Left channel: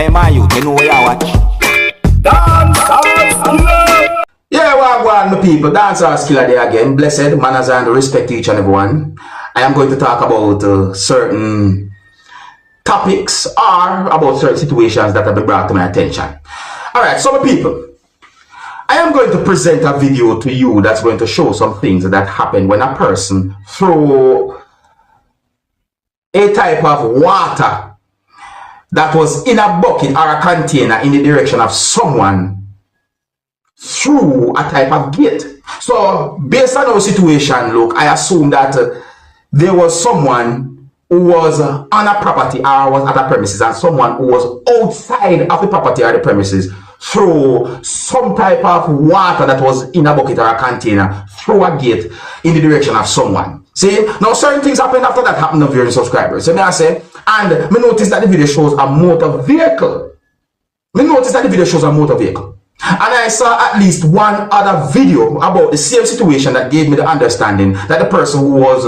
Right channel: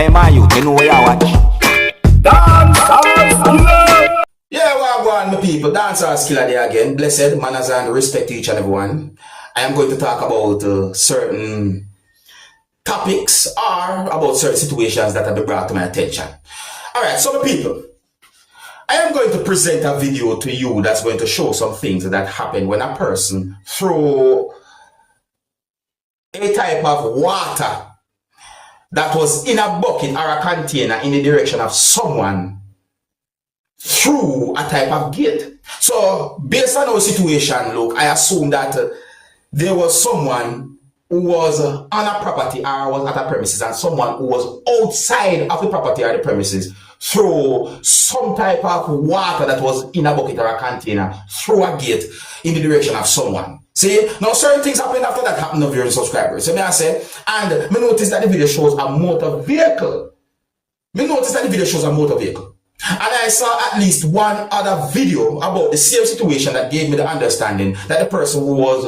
Hey man, you know where you watch? Dancehall skilla. Yeah, well, my people, Dancehall skilla there again. Blessed manners and respect each and everyone. I am going to talk about certain topics or about certain situations that have been brought to my attention. Alright, so my people, I am going to present a video to you that's going to show some things that happen when a person throw a type of water that was in a bucket or a container in the direction of someone through a type of gate. So based on our situation, look, I assume that there was someone who was on a property or was at a premises, and someone who was outside of the property or the premises through some type of water that was in a bucket or a container through a gate in the direction of someone. See, now certain things happened after that happened of your subscribers. So may I say, and me notice that the video shows a motor vehicle. And I saw at least one other video about the same situation that gave me the understanding that the person who was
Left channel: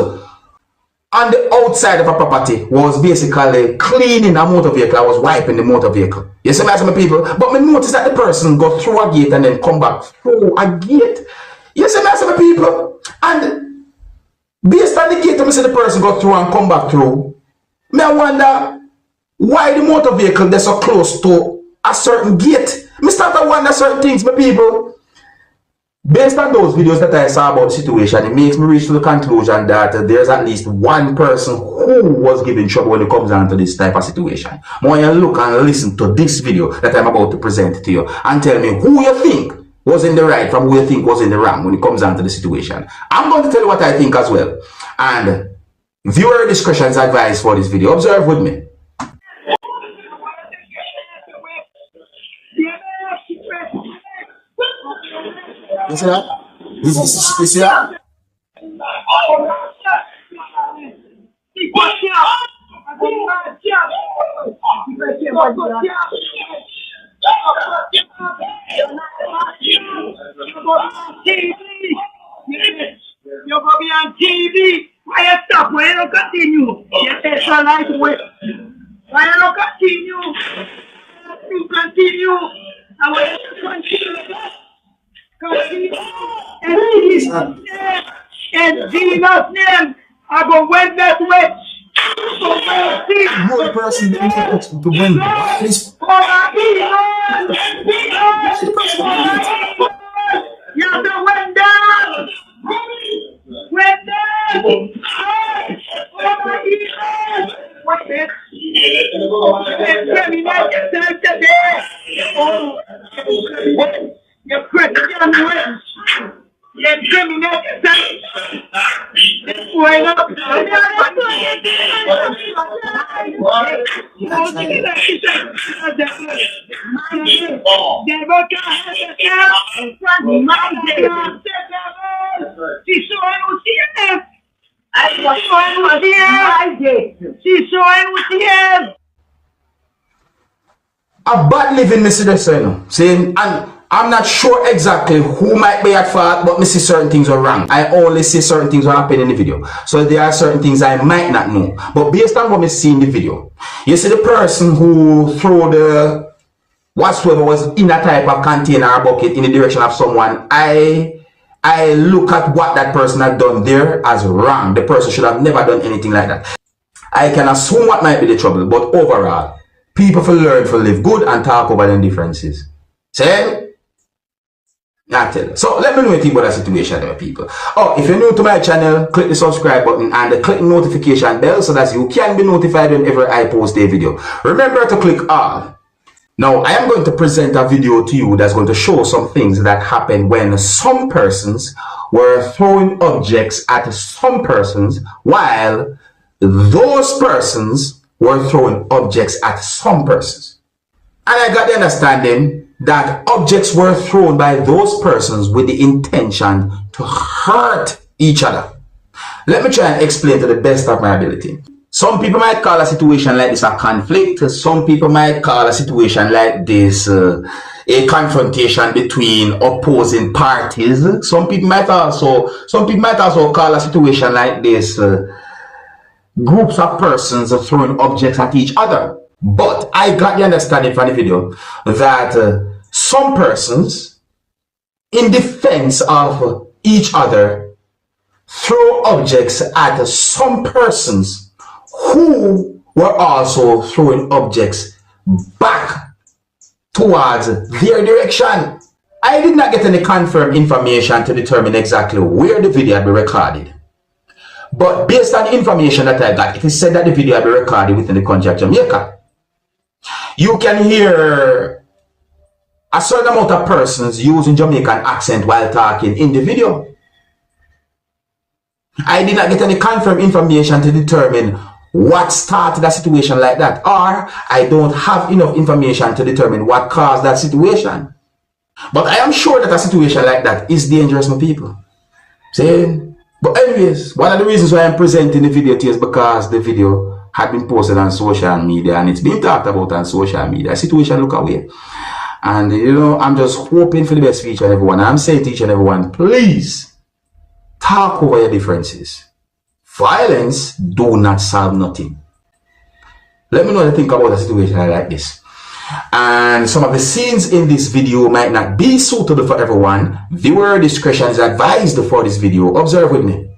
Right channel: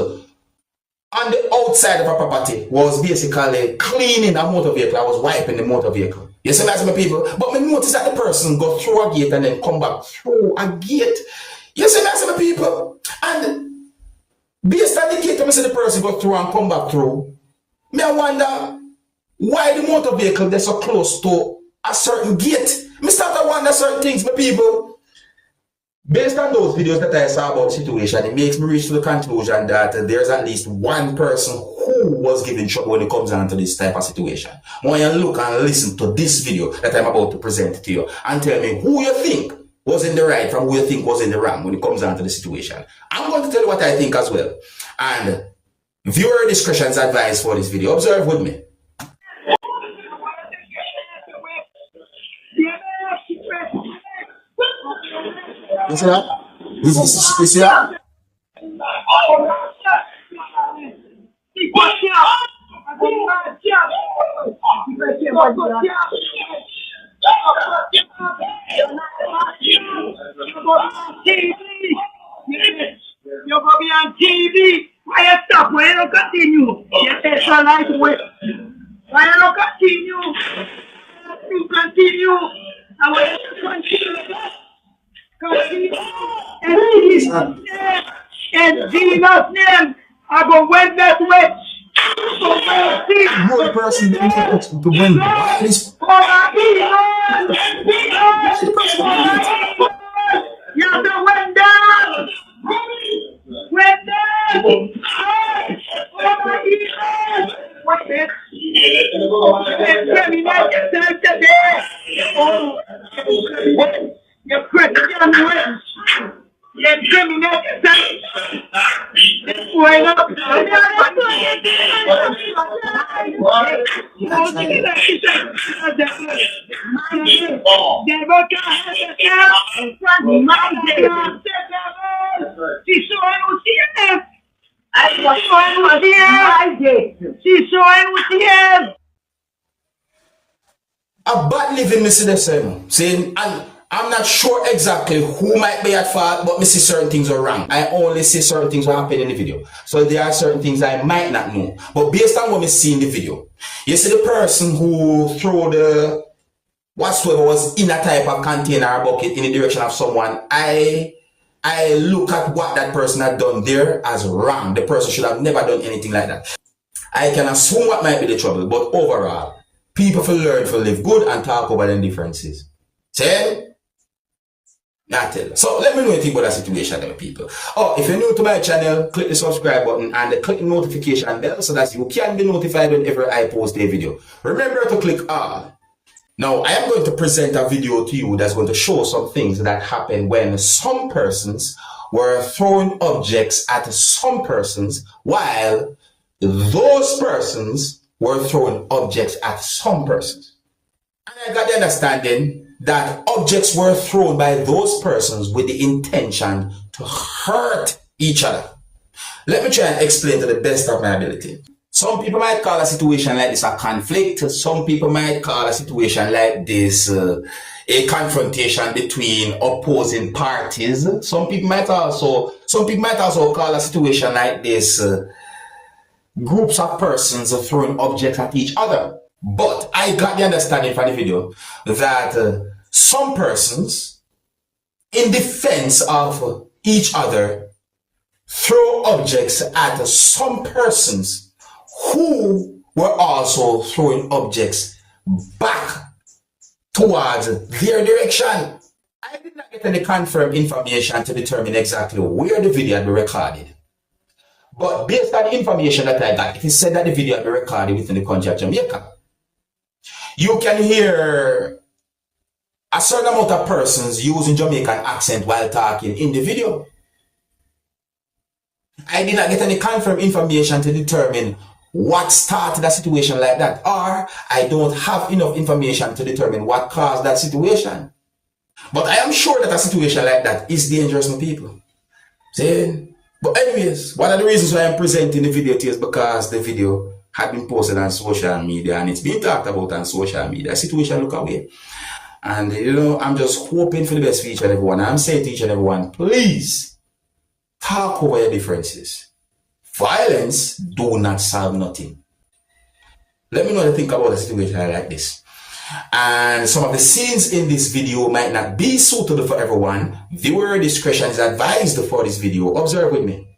on the outside of a property was basically cleaning a motor vehicle. I was wiping the motor vehicle. You see, my people? But me notice that the person go through a gate and then come back through a gate. You see, my people? And based on the gate, I see the person go through and come back through. Me I wonder why the motor vehicle they're so close to a certain gate. Me start to wonder certain things, my people. Based on those videos that I saw about the situation, it makes me reach to the conclusion that there's at least one person who was giving trouble when it comes down to this type of situation. More you look and listen to this video that I'm about to present to you and tell me who you think was in the right from who you think was in the wrong when it comes down to the situation. I'm going to tell you what I think as well. And viewer discretion is advised for this video. Observe with me. You see that? You see that? You're going to be on TV. Why you stop? Why you don't continue? You say so like way. Why you don't continue? You continue. And when you continue, in Jesus' name, I go win that way. No person to win. You have to win down. Win down. What's it? You're Christian wins. You're criminal. This way up. A bad living, Mr. Deseno. Saying, and I'm not sure exactly who might be at fault, but I see certain things are wrong. I only see certain things are happening in the video. So there are certain things I might not know. But based on what I see in the video, you see the person who threw the whatsoever was in a type of container or bucket in the direction of someone, I look at what that person had done there as wrong. The person should have never done anything like that. I can assume what might be the trouble, but overall, people will learn to live good and talk over their differences. See? So let me know anything about that situation, my people. Oh, if you're new to my channel, click the subscribe button and click the notification bell so that you can be notified whenever I post a video. Remember to click all. Now, I am going to present a video to you that's going to show some things that happen when some persons were throwing objects at some persons while those persons were throwing objects at some persons. And I got the understanding that objects were thrown by those persons with the intention to hurt each other. Let me try and explain to the best of my ability. Some people might call a situation like this a conflict. Some people might call a situation like this a confrontation between opposing parties. Some people might also call a situation like this groups of persons throwing objects at each other. But I got the understanding from the video that some persons, in defense of each other, throw objects at some persons who were also throwing objects back towards their direction. I did not get any confirmed information to determine exactly where the video had been recorded. But based on the information that I got, it is said that the video had been recorded within the country of Jamaica. You can hear a certain amount of persons using Jamaican accent while talking in the video. I did not get any confirmed information to determine what started a situation like that, or I don't have enough information to determine what caused that situation. But I am sure that a situation like that is dangerous to people. See? But anyways, one of the reasons why I'm presenting the video to you is because the video had been posted on social media and it's been talked about on social media. The situation look away. And you know, I'm just hoping for the best for each and everyone. I'm saying to each and everyone, please talk over your differences. Violence do not solve nothing. Let me know what you think about a situation like this. And some of the scenes in this video might not be suitable for everyone. Viewer discretion is advised for this video. Observe with me.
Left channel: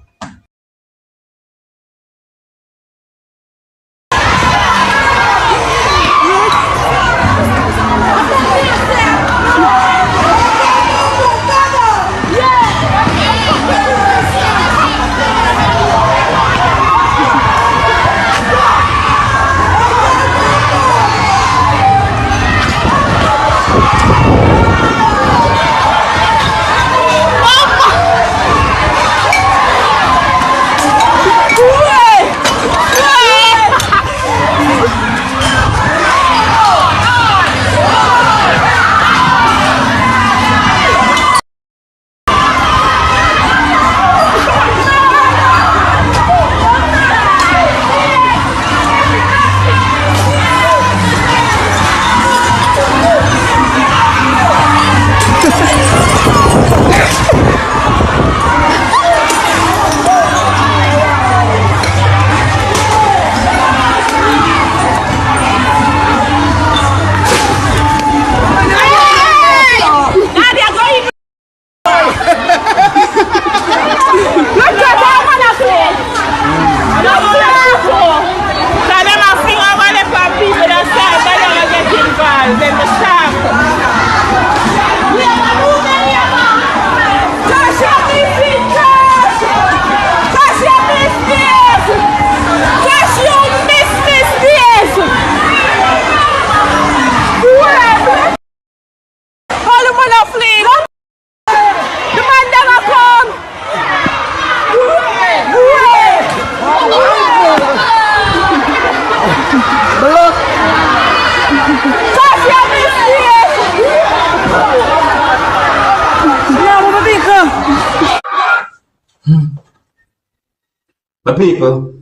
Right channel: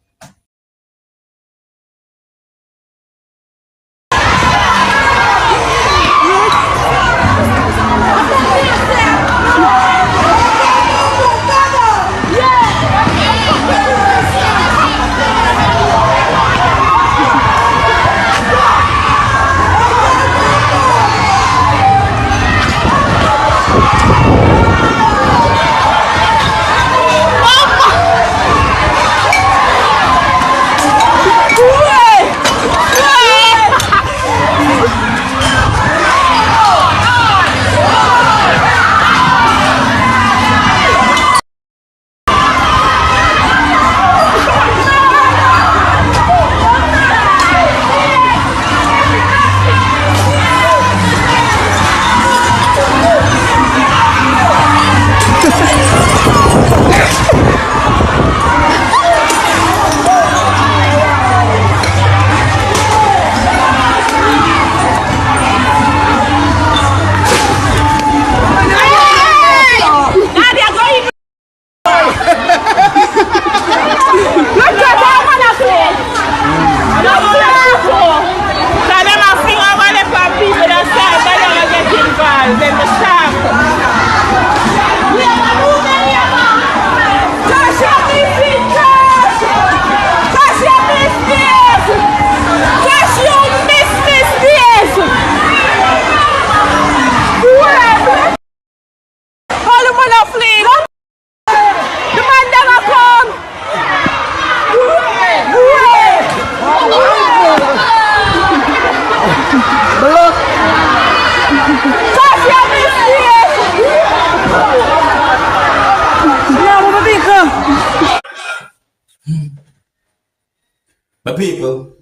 But people,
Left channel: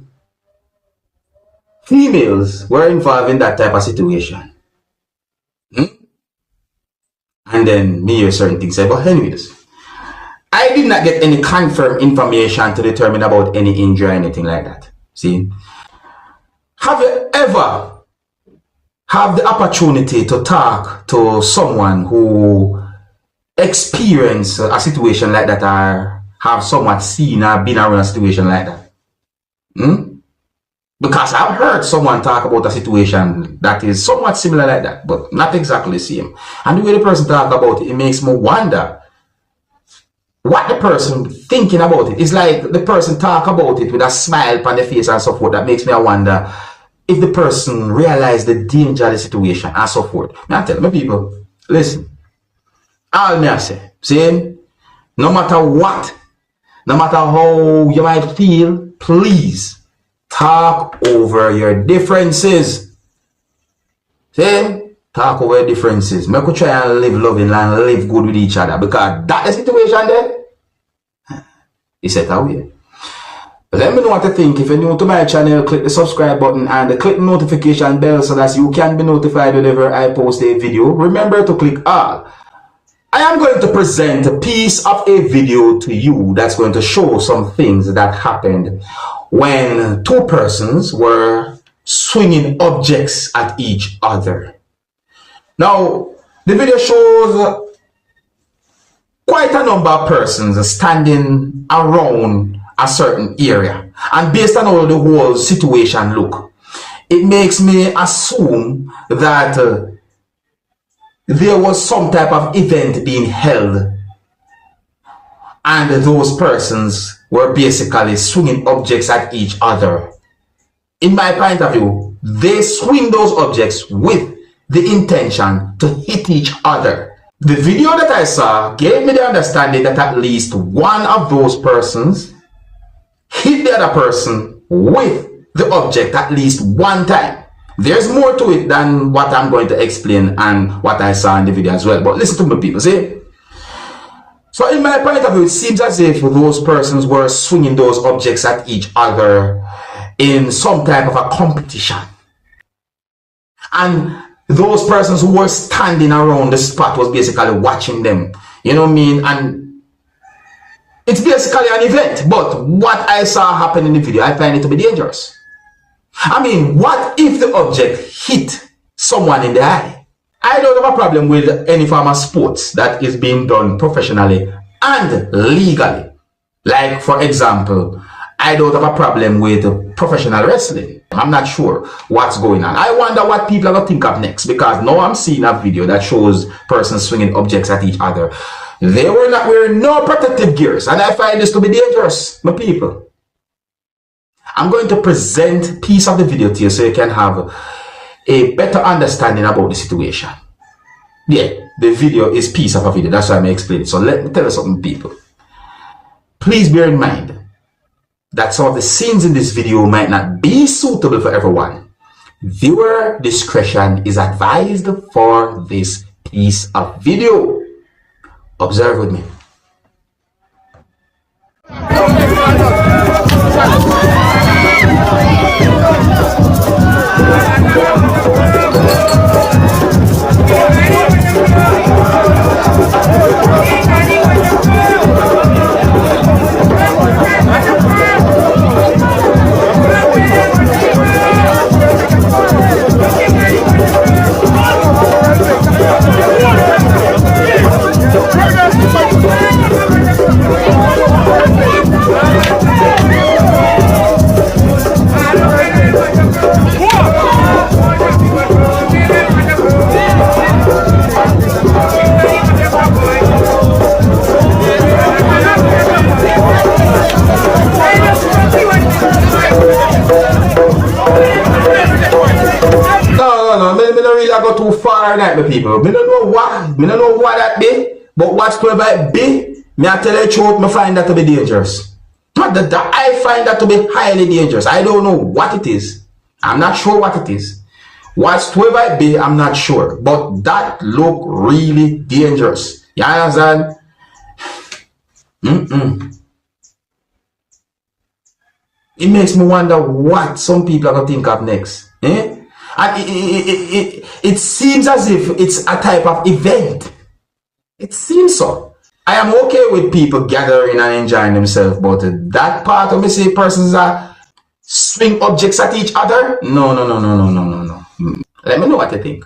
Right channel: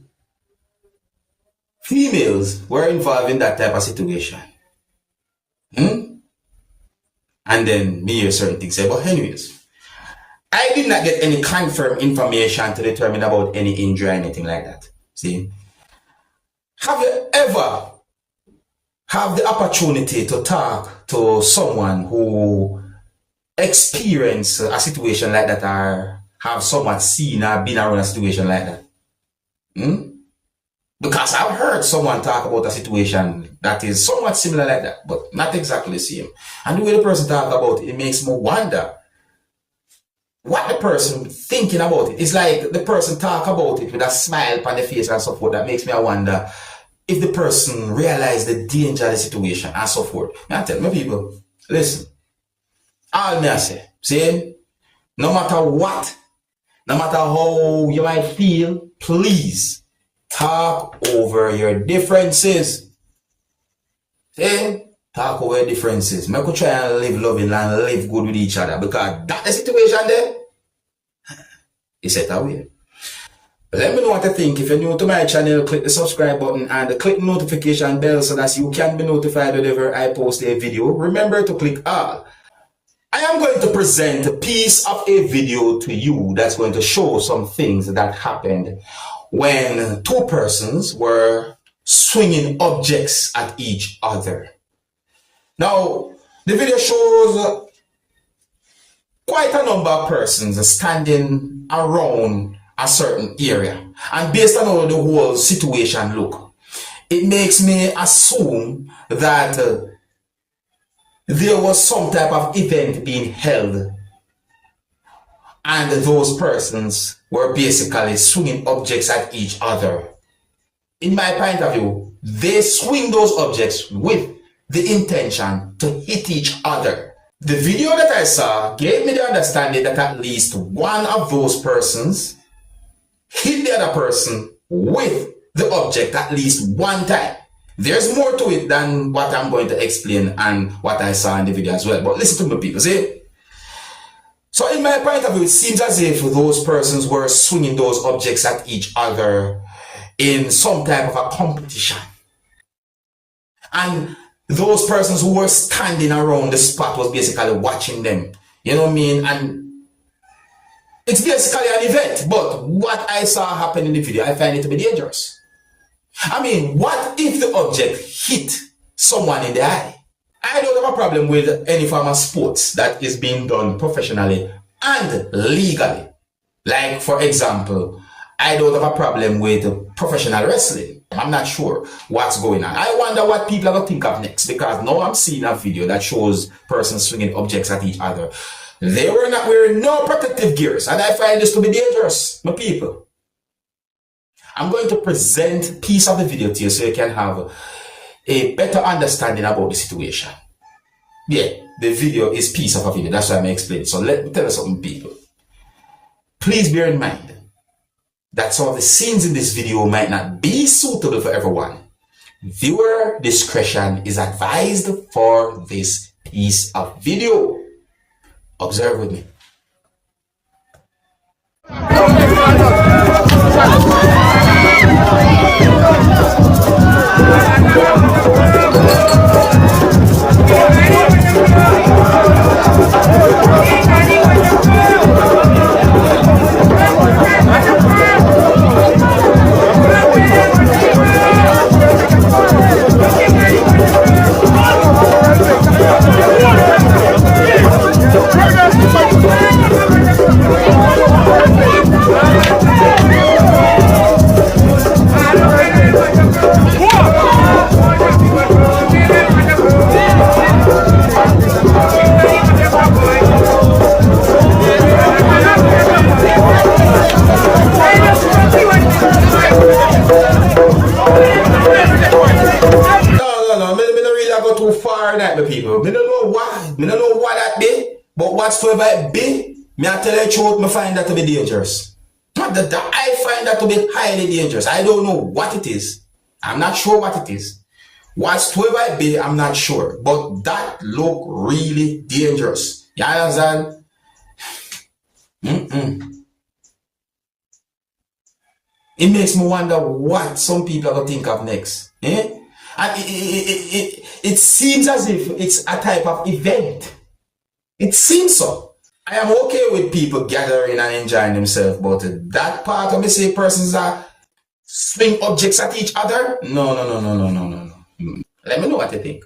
females were involved in that type of situation. And then me hear certain things say, but anyways, I did not get any confirmed information to determine about any injury or anything like that. See? Have you ever have the opportunity to talk to someone who experienced a situation like that or have somewhat seen or been around a situation like that? Because I've heard someone talk about a situation that is somewhat similar like that, but not exactly the same. And the way the person talk about it, it makes me wonder what the person thinking about it. It's like the person talk about it with a smile on the face and so forth. That makes me wonder if the person realize the danger of the situation and so forth. I tell my people, listen, all me I say, see, no matter what, no matter how you might feel, please talk over your differences. See? Talk over your differences. Make we try and live loving and live good with each other. Because that the situation there, it's set away. But let me know what you think. If you're new to my channel, click the subscribe button and click the notification bell so that you can be notified whenever I post a video. Remember to click all. I am going to present a piece of a video to you that's going to show some things that happened when two persons were swinging objects at each other. Now, the video shows quite a number of persons standing around a certain area. And based on how the whole situation look, it makes me assume that there was some type of event being held and those persons were basically swinging objects at each other. In my point of view, they swing those objects with the intention to hit each other. The video that I saw gave me the understanding that at least one of those persons hit the other person with the object at least one time. There's more to it than what I'm going to explain and what I saw in the video as well. But listen to me, people, see? So in my point of view, it seems as if those persons were swinging those objects at each other in some type of a competition. And those persons who were standing around the spot was basically watching them. You know what I mean? And it's basically an event. But what I saw happen in the video, I find it to be dangerous. I mean, what if the object hit someone in the eye? I don't have a problem with any form of sports that is being done professionally and legally. Like, for example, I don't have a problem with professional wrestling. I'm not sure what's going on. I wonder what people are going to think of next, because now I'm seeing a video that shows persons swinging objects at each other. They were not wearing no protective gears, and I find this to be dangerous, my people. I'm going to present a piece of the video to you so you can have a better understanding about the situation. Yeah, the video is piece of a video. That's why I'm explaining. So let me tell you something, people. Please bear in mind that some of the scenes in this video might not be suitable for everyone. Viewer discretion is advised for this piece of video. Observe with me. People, I don't know what that be, but whatsoever it be, I tell you the truth, I find that to be dangerous. Not that I find that to be highly dangerous. I don't know what it is. I'm not sure what it is. Whatsoever it be, I'm not sure. But that look really dangerous. You understand? It makes me wonder what some people are going to think of next. Eh? And it seems as if it's a type of event. It seems so. I am okay with people gathering and enjoying themselves, but that part of me say persons are swing objects at each other? No. Let me know what you think.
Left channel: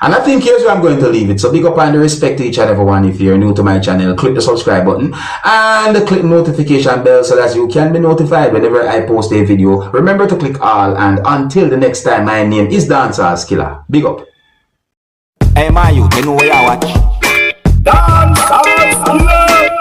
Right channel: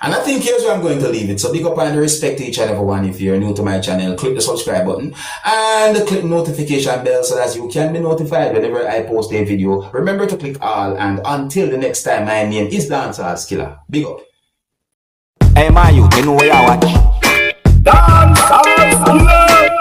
And I think here's where I'm going to leave it. So big up and respect to each and everyone. If you're new to my channel, click the subscribe button and click notification bell so that you can be notified whenever I post a video. Remember to click all, and until the next time, my name is Dancehall Skilla. Big up. Hey, my youth, you know where I watch.